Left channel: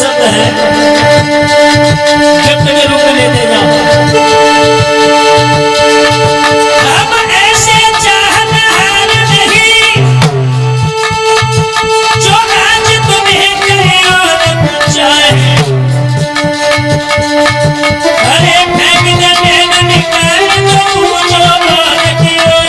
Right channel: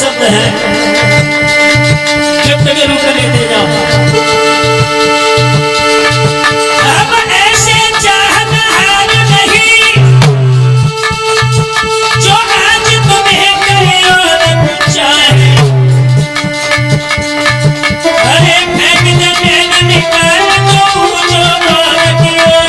शब्द है, गिफ्ट के रूप में लेते जाओ। हम ऐसे चाहनहार नहीं जो आज तुम्हें करे और चाहे। अरे फेंक दे नैन निकाल दो जो और की ओर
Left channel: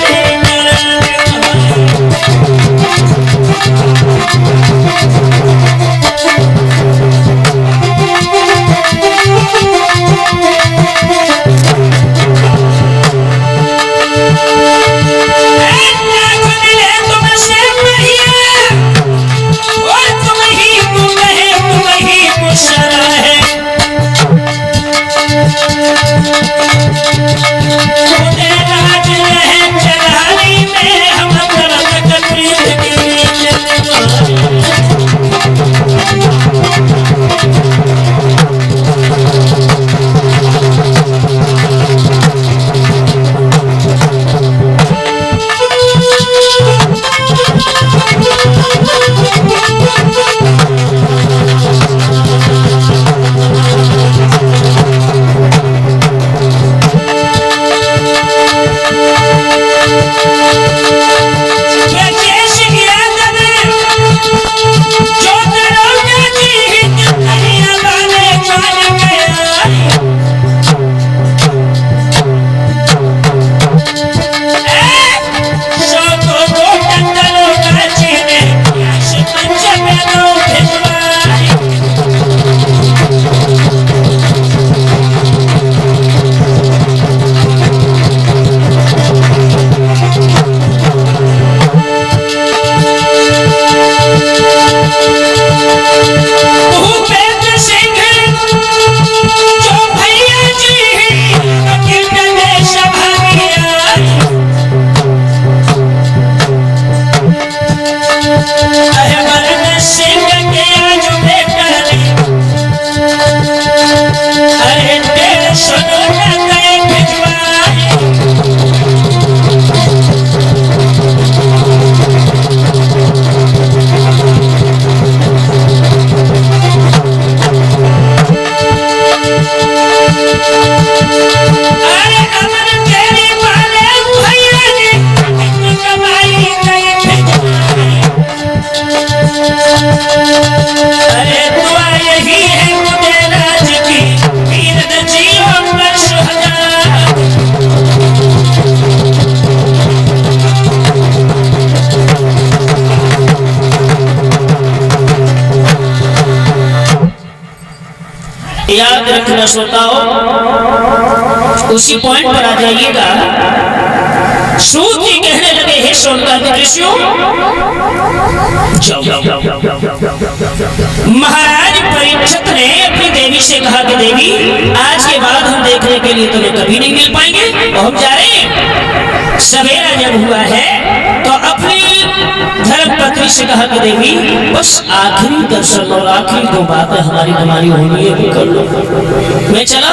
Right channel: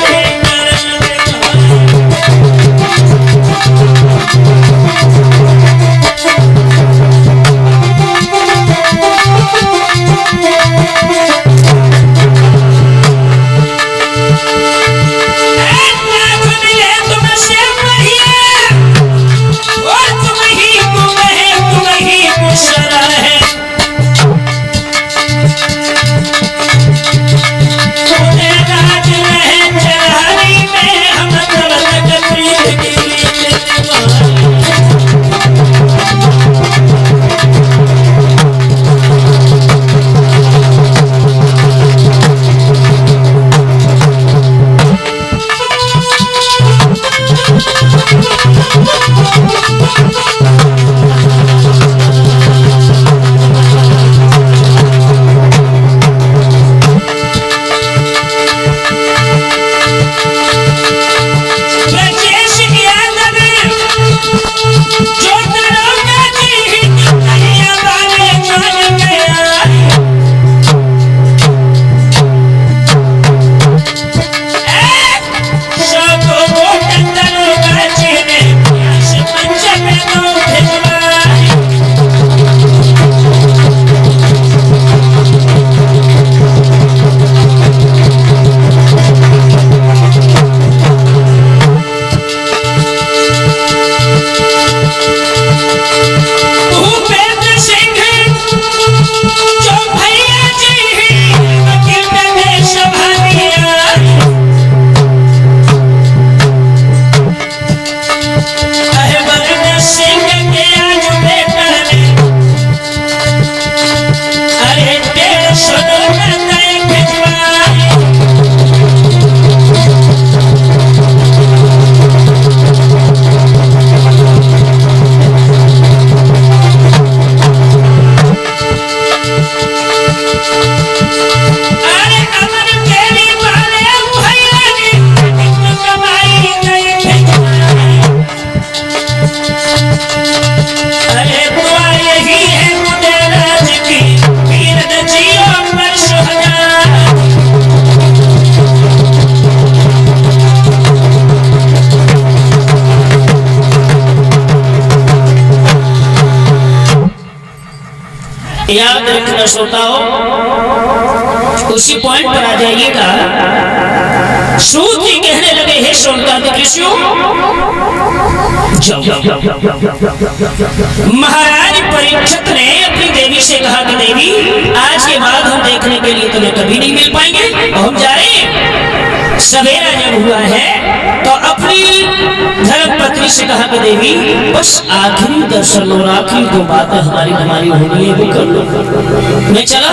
याद रखना श्रोताओ, उसी पॉइंट पर आ जाइएगा। सूत जी कहने लगे, हे सोनकांत ऋषियों, महाराज परीक्षित ने अपनी देवी से कहा कि देवी, आज के बाद हम देखने के लिए तुम्हें कभी नहीं मिल पाएंगे और हम जा रहे हैं। सवेरा जब हुआ है तो अपनी धर्म पत्नी से कहा कि देवी, बस आखिरी दर्शन और आखिरी दो बातें हमारी तुम्हारी होनी है, वो कर लो। मैं चला,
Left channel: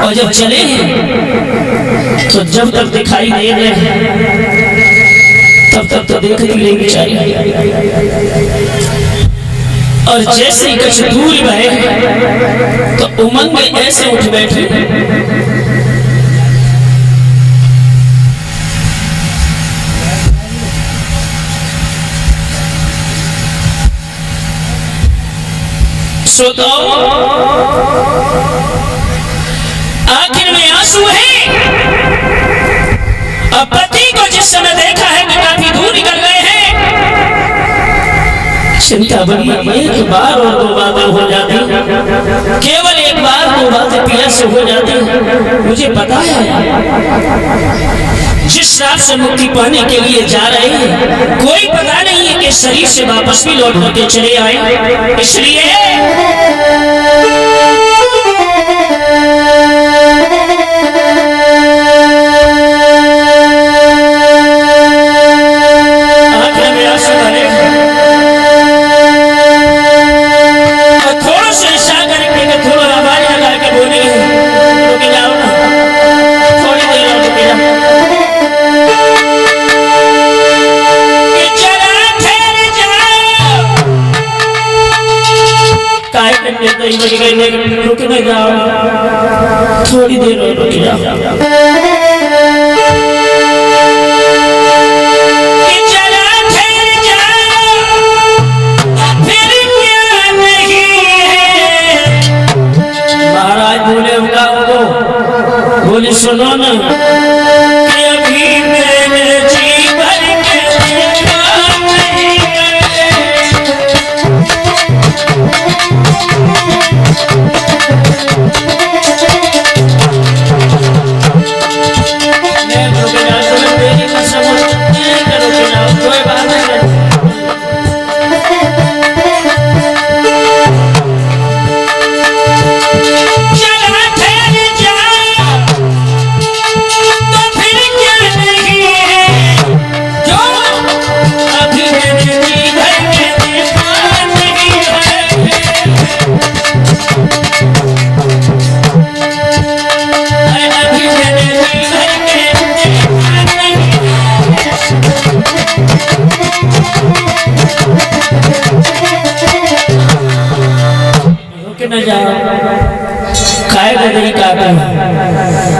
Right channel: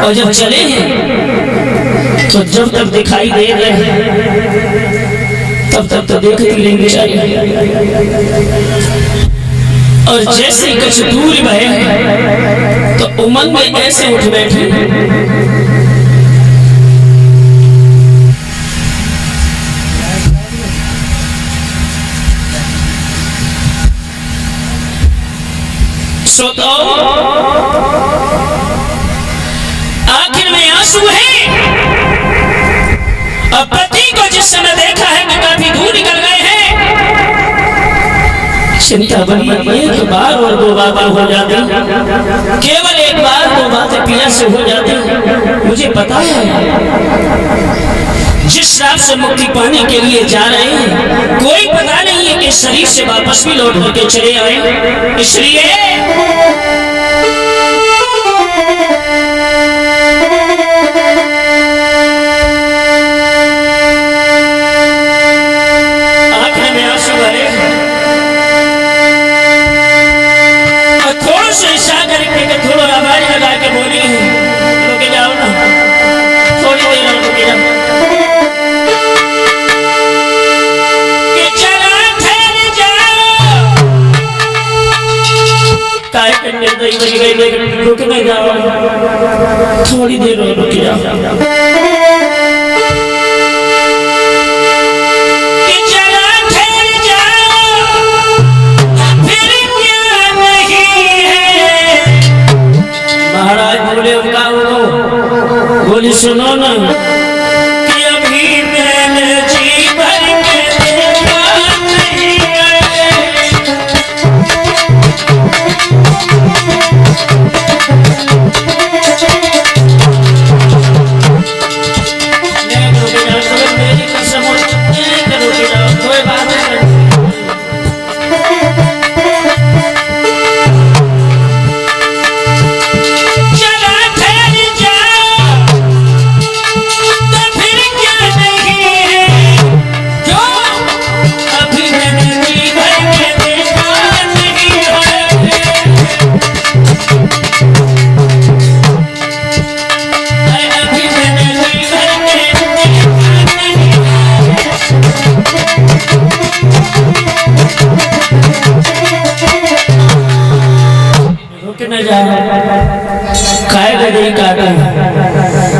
और जब चले हैं तो जब तक दिखाई दे रहे हैं तब तक तो देखती रही बेचारी। और जैसे ही कुछ दूर गए तो उमंग में ऐसे उठ बैठे, श्रोताओ आखिर में आंसू है। अब पति को जिस समय देखा है तो काफी दूर निकल गए हैं। चिंता बड़ी, एक बार और दो बातें हो जाती, केवल एक बार दो बातें पिया से हो जाती। मुझे पता है जिस श्राप से मुक्ति पाने के लिए जा रहे हैं, कोई पता नहीं है कि शरीर से वापस भी लौट करके चले आए। इसलिए आखिर में आंसू भरे और थोड़ा सा इशारा करके थोड़ा आवाज लगा के बोली, रुके जाओ ना, थोड़ी देर और रुके जाओ। काहे के निर्दयी बन गए, लेकिन रुक न जाओ, थोड़ी देर और रुक जाओ। बोली सुनो ना कि अभी मैंने जी भर के देखा नहीं मेरी कसम जाओ, कोई बात नहीं।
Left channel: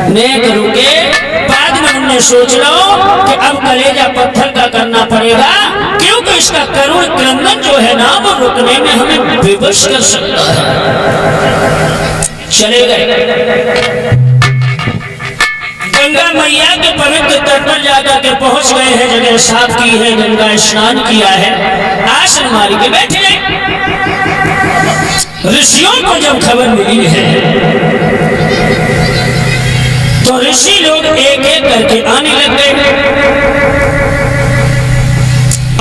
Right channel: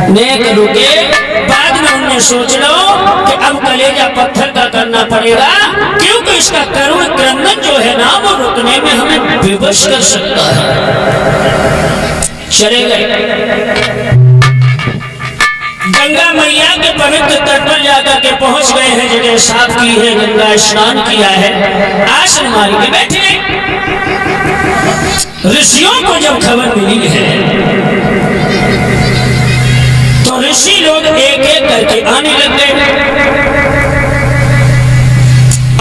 नेक रुके, बाद में उन्हें सोच लो कि अब कलेजा पत्थर का करना पड़ेगा, क्योंकि इसका करुण क्रंदन जो है ना वो रुकने में हमें बेबस कर सकता है। चले गए गंगा मैया के पवित्र तट पर जाकर के पहुंच गए हैं, जगह साफ की है, गंगा स्नान किया है, आसन मार के बैठे हैं। ऋषियों को जब खबर मिली है तो ऋषि लोग एक एक करके आने लग गए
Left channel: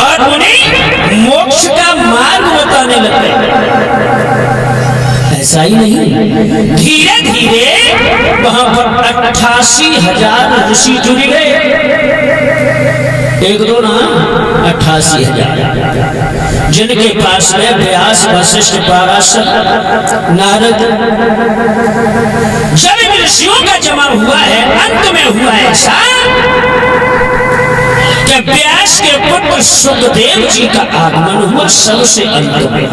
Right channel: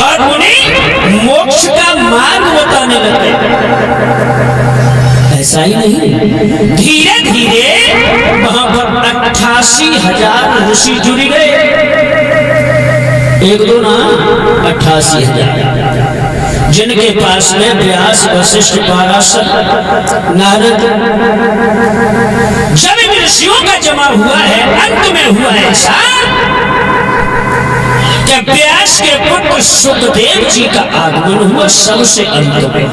और उन्हें मोक्ष का मार्ग बताने लग गए। ऐसा ही नहीं, धीरे धीरे वहां पर 88,000 ऋषि जुड़ गए। एक दो ना, 88,000, जिनके पास में व्यास, वशिष्ठ, पराशर, नारद, जब इन ऋषियों का जमा हुआ है, अंत में हुआ ऐसा कि व्यास के पुत्र सुखदेव जी का आगमन हुआ सबसे अंत में।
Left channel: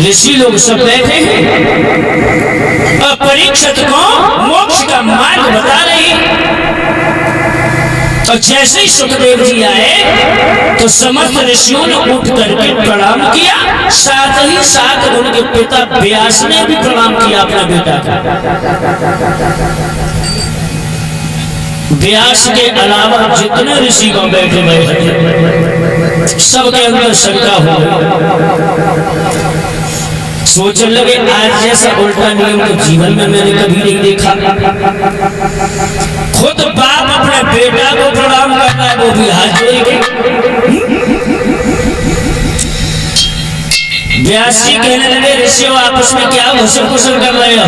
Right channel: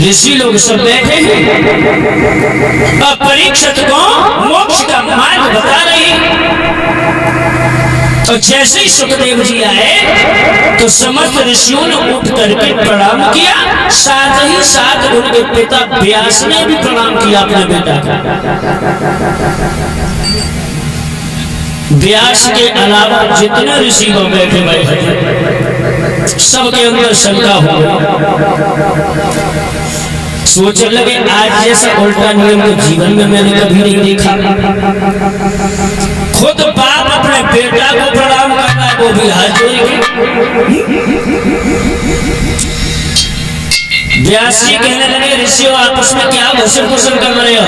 ऋषि लोग सब बैठे हैं और परीक्षित को मोक्ष का मार्ग बता रहे हैं। और जैसे ही सुखदेव जी आए तो समस्त ऋषियों ने उठ करके प्रणाम किया, साथ ही साथ उनके पिता व्यास ने भी प्रणाम किया अपने बेटा का। व्यास के अलावा जितने ऋषि वहां बैठे हुए सबके अंदर शंका हो गई। सोचने लगे आज जैसा उल्टा नियम तो जीवन में मैंने कभी नहीं देखा। खुद बाप अपने बेटा को प्रणाम कर रहा है, वो भी हाथ जोड़ के। व्यास जी कहने लगे ऋषियों आपस में क्या घुसल पुसल कर रहे हो?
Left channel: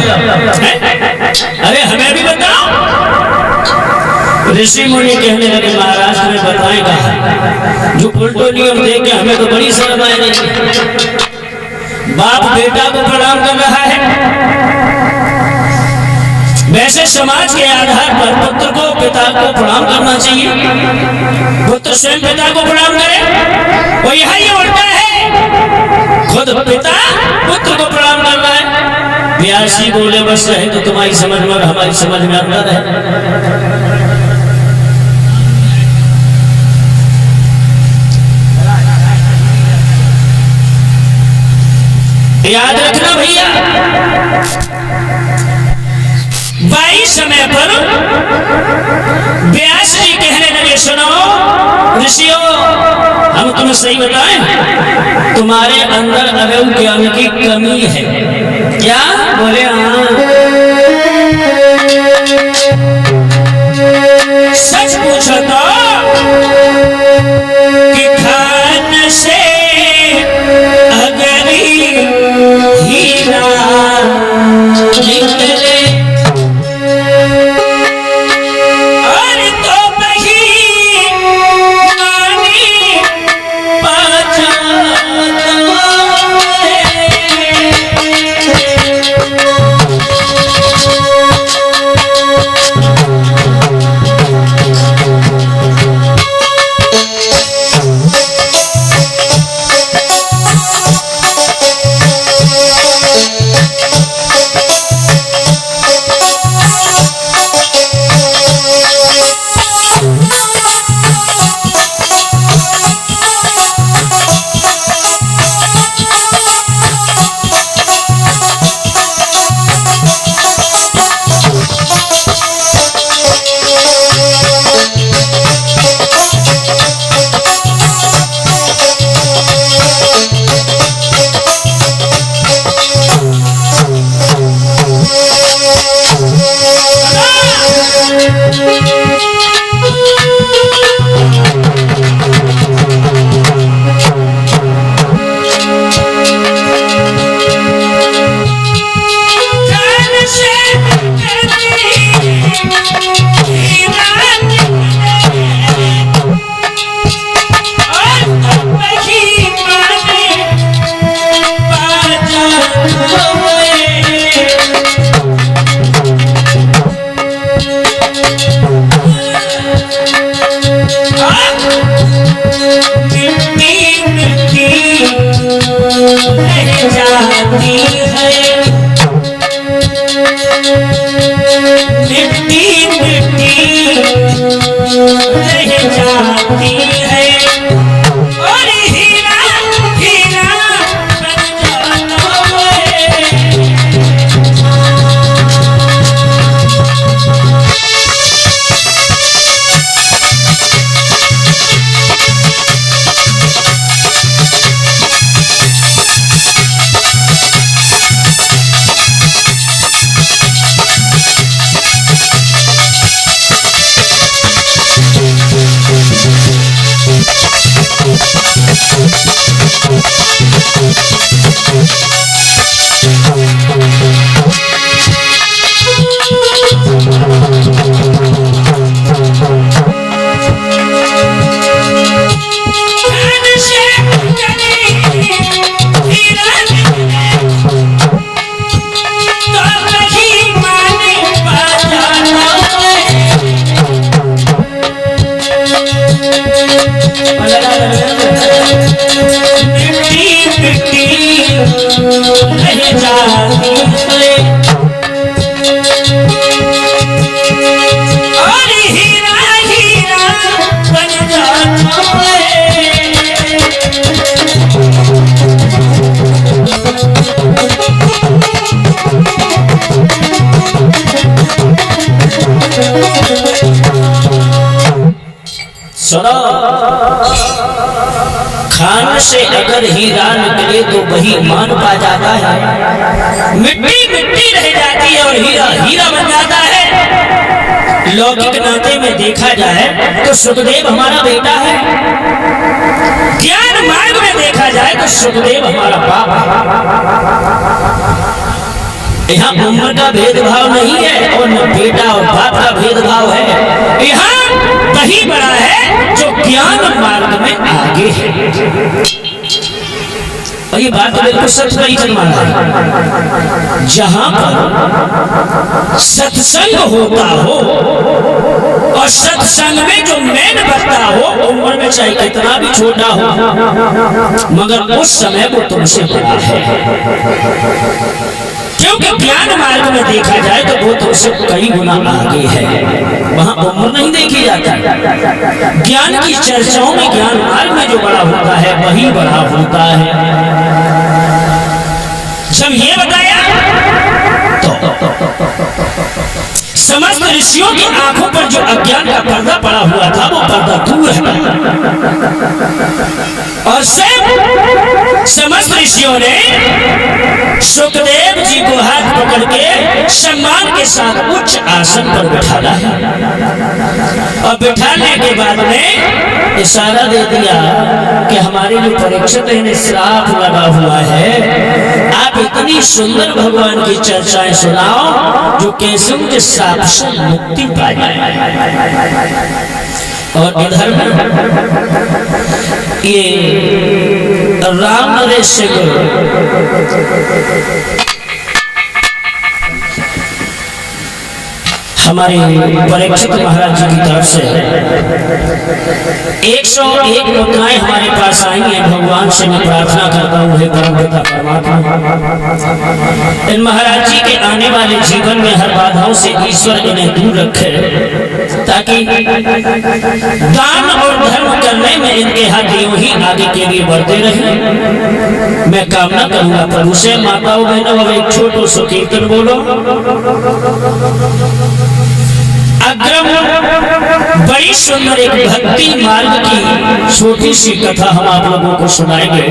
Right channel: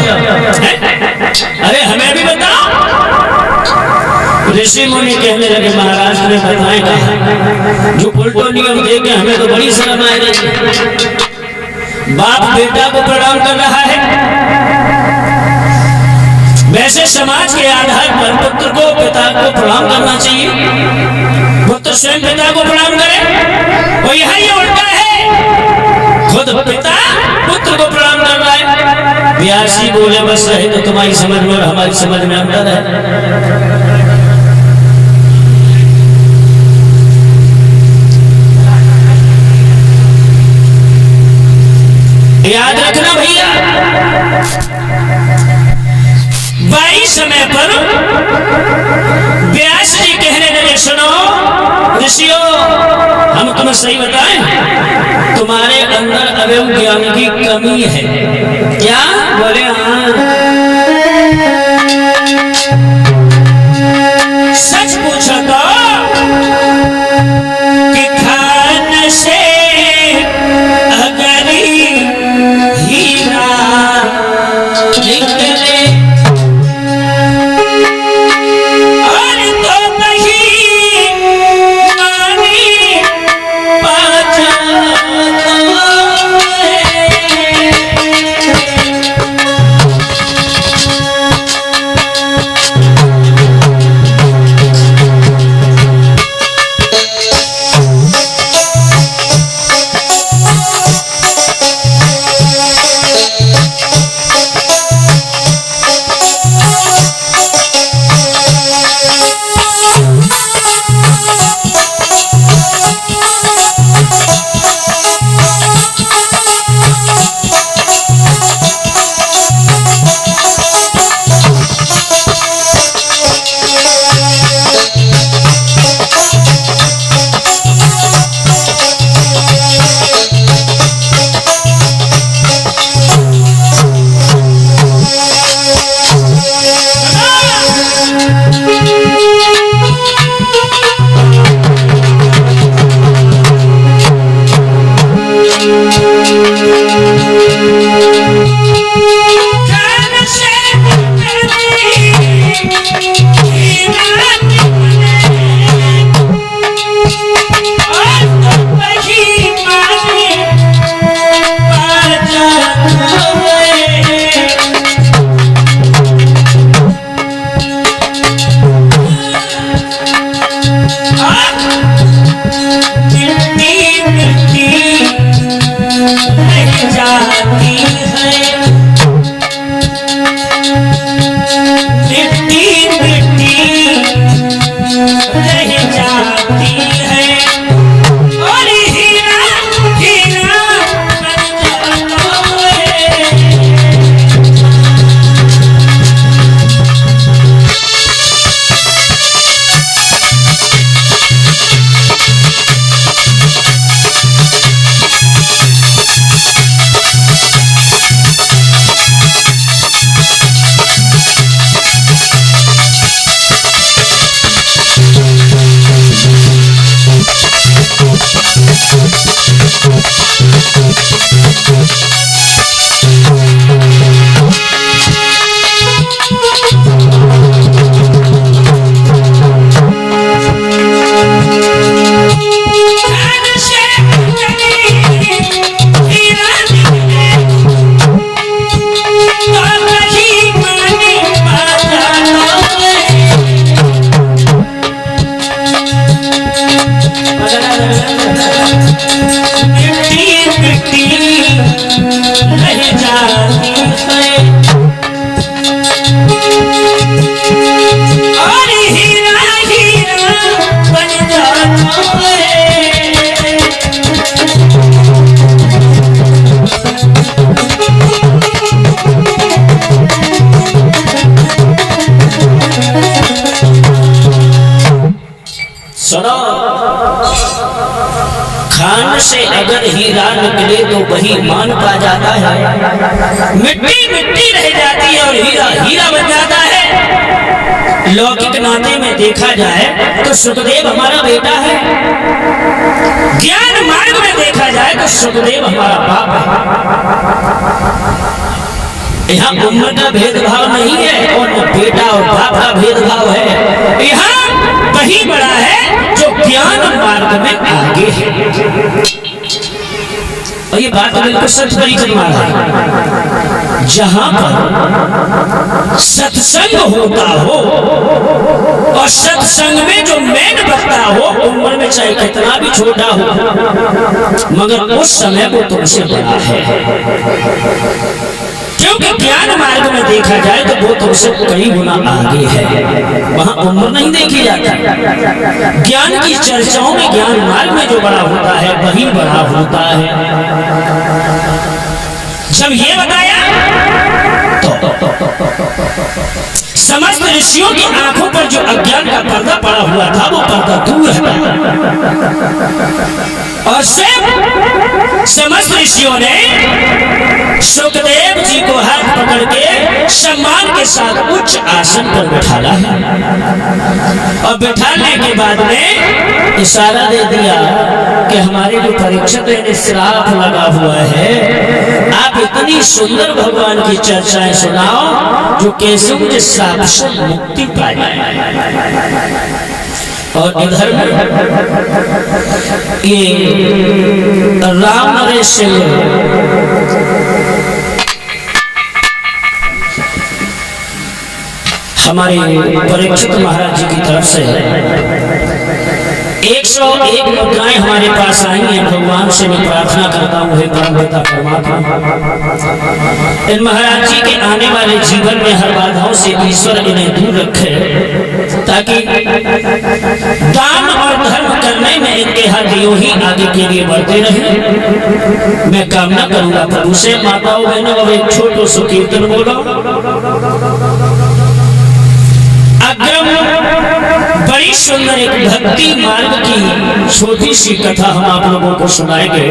अरे हमें भी बताओ। ऋषि मुनि कहने लगे महाराज ने बताएं कहा, जो उल्टो नियम देख के हमें तो बड़ी शर्म आ रही। बाप बेटा को प्रणाम कर रहा है, वैसे समाज के आधार पर पुत्र को पिता को प्रणाम करना चाहिए, पुत्र स्वयं पिता को प्रणाम करे, और यहाँ ये उल्टा है, खुद पिता पुत्र को प्रणाम कर रहा है। व्यास जी बोले बस रहे तो तुम्हारी समझ में और हमारी समझ में अंतर है। याद रखना भैया, वही समय पर व्यास जी कहने लगे सुनो ऋषियों, हम तुम्हें सही बताएं, तुम्हारे अंदर अवयव ज्ञान की कमी है। क्या बोले? हाँ, सच पूछो तो कि खान से अगर हीरा निकले और तो नहीं मानी पा जाता है। मिट्टी मिट्टी रह जाती है और हीरा हीरा बन जाता है। सुनो, खान से अगर हीरा निकले तो वही मान पा जाता है। मिट्टी मिट्टी रह जाती है और हीरा हीरा बन जाता है। लौकिक नाते में देखा जाए तो सुखदेव हमारा बेटा है, ज्ञान मार्ग में देखा जाए तो सुखदेव हमारा बाप है। यहाँ उम्र का भेदभाव नहीं है और न बेटा और बाप का भेदभाव है। यहाँ वही बड़ा है जो ज्ञान मार्ग में आगे है। और ये बात बिल्कुल सच परिचय माना है। जहां पर सत्संग होता हो और सत्संग में जो मेन बनता हो, उम्र में चाहे कितना भी छोटा हो, मगर उस समय वो तुमसे बड़ा है। क्योंकि ज्ञान मार्ग में देखा जाए तो वो तुमसे कई गुना आगे है। वहां उम्र नहीं देखी जाती। ज्ञान की चर्चाओं में ज्ञान मार्ग में जो बड़ा होता है वही बड़ा होता है। जब ये बताया तो समस्त ऋषियों की आंखों पर जो अज्ञान का पर्दा पड़ा हुआ था वो पर्दा दूर है। और समस्त ऋषियों ने सुखदेव जी को हाथ पकड़ के सम्मान के साथ उच्च आसन पर बिठाला है। और बिठाने के बाद में इशारा दे दिया कि हमारे जो परीक्षित इन्हें श्राप लगा हुआ है, आप इतनी सुंदर भगवान की चर्चाएं सुनाओ जो कैसे मुझे श्राप से मुक्ति पाए। और इधर में ये राम नरेश सिंह हमारे परीक्षित महाराज जी की तरफ से 101 मुद्राएं हमारे पास आई हैं। भगवान से मैं प्रार्थना करता हूँ, हे परमपिता परमात्मा, इन महाराज जी के आने वाले जीवन में हर बाधाओं से ईश्वर इन्हें दूर रखे, ताकि दान और धर्म करने में इनके हाथ यूं ही आगे के लिए बढ़ते रहे। मैं कामना करूंगा प्रभु से। माताओं बहनों, अब एक छोटो सो कीर्तन बोलो। अग्रम बड़ी सुंदर एक भक्ति मार्ग की छोटी सी कथा हम आप लोगों को सुनाएंगे।